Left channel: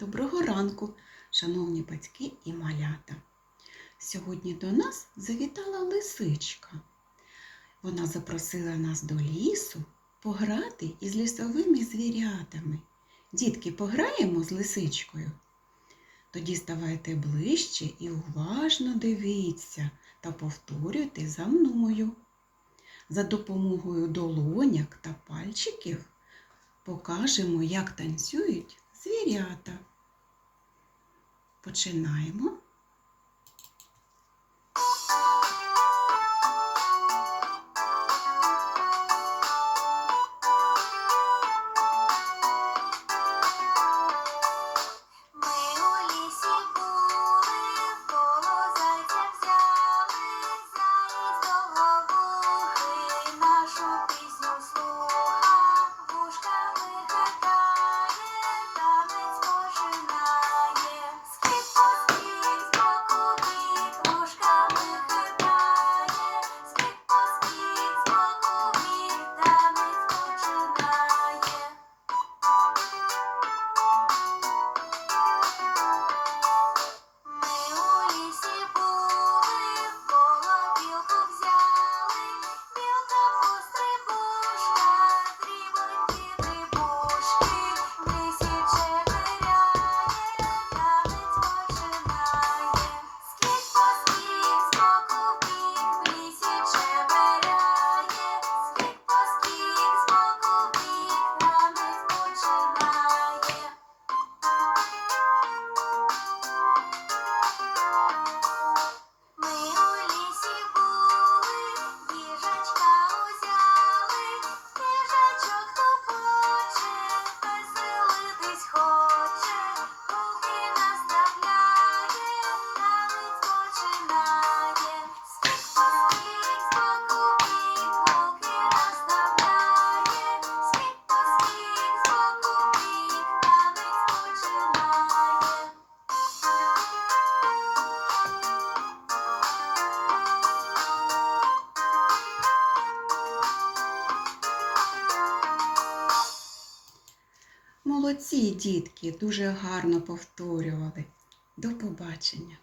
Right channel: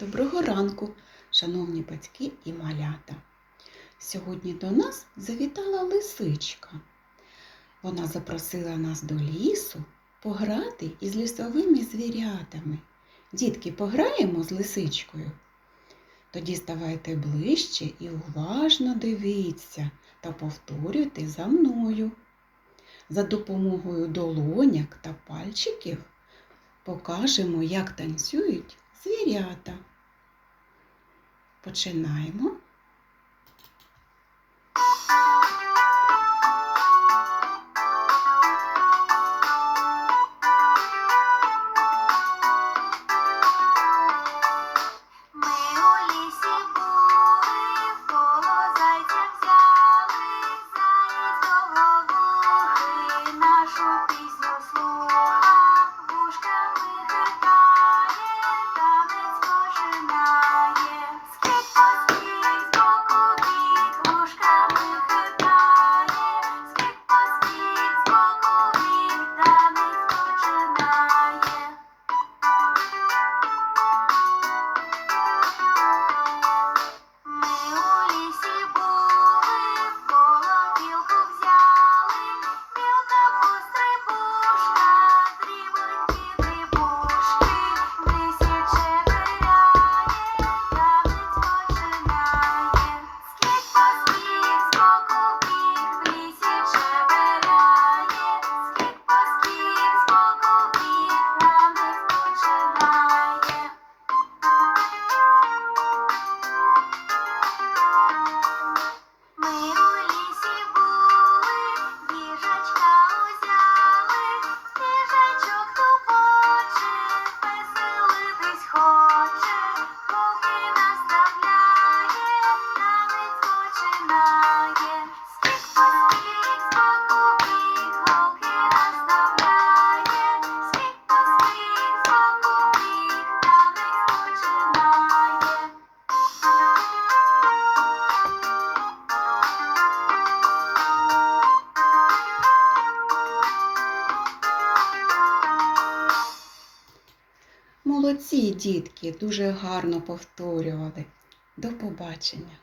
Доброго ранку, шановні батьки і малята. Сьогодні до нас завітала лисичка. Вона запросила нас до лісу пограти із лісовими звірятами. Дітки, пограємо з лисичкою. Тоді ставайте ближче і уважно дивіться та повторюйте за мною. За допомогою долоняк та пальчиків покажемо, як танцюють звірята. Починаємо. Молодці, дітки, дуже гарно повторювали. До побачення!